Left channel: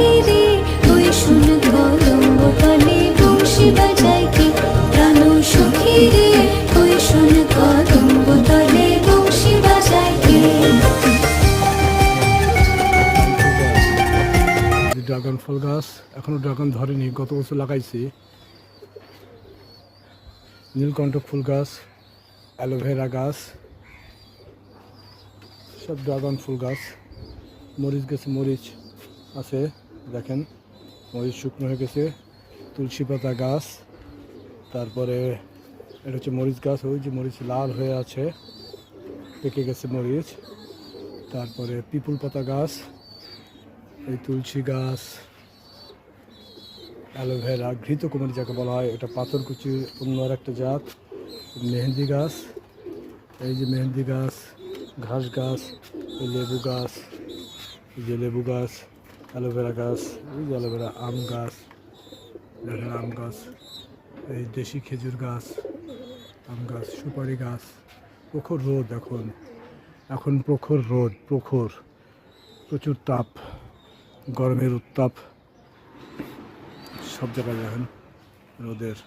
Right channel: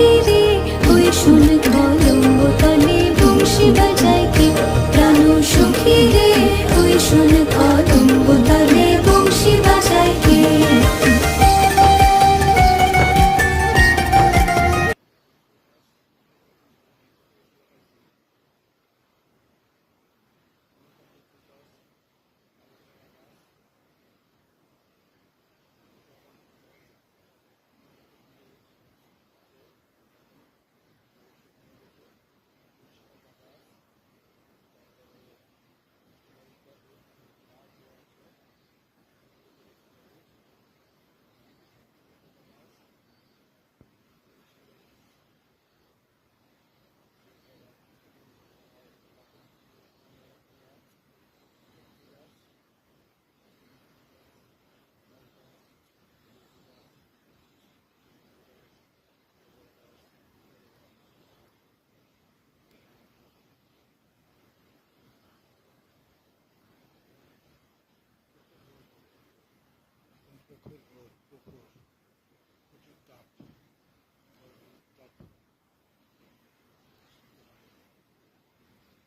সুখী রে ওই শোন কলম্ব তলে বংশী বাজায় কে প্রাণ সুখী রে ওই শোন কলম্ব তলে বংশী বাজায় কে। ড্রাগন ফল গাছ এখনো ড্রাগন ধরেনি, গত বছর লাগাইছি। নীলকণ্ঠ ফুল গাছ, অ্যালোভেরা গাছ, সব ড্রাগন ফুল গাছ। মরিচ গাছে মরিচ আছে, দেখেন মরিচ শুকনো হয়ে গেছে। তুলসী পাতা গাছ, তারপরে এটা হচ্ছে মরিচ গাছ, ওই যে মরিচ লাল হয়ে আছে, পেকে গেছে মরিচ। তারপরে পিপুল পাতা গাছ, এই তুলসী গাছ, অ্যালোভেরা, ঘৃতকুমারী যাকে বলা হয়, এটা পাথরকুচির অন্য আর একটা জাত। মেহেন্দি গাছ, এই যে মেহেন্দি গাছ, ঘাস গাছ, এই লেবু গাছ, এই যে লেবু গাছ, অ্যালোভেরা গাছ, এই যে অ্যালোভেরা, আম গাছ, দেখেন আম গাছ, এই দেশি খেজুর গাছ, আম গাছ, সুপারি গাছ। প্রখর রোদ এখন প্রখর রোদ, প্রচুর তাপ, গরমের উত্তাপ সব জায়গায় দেখেন রোদের।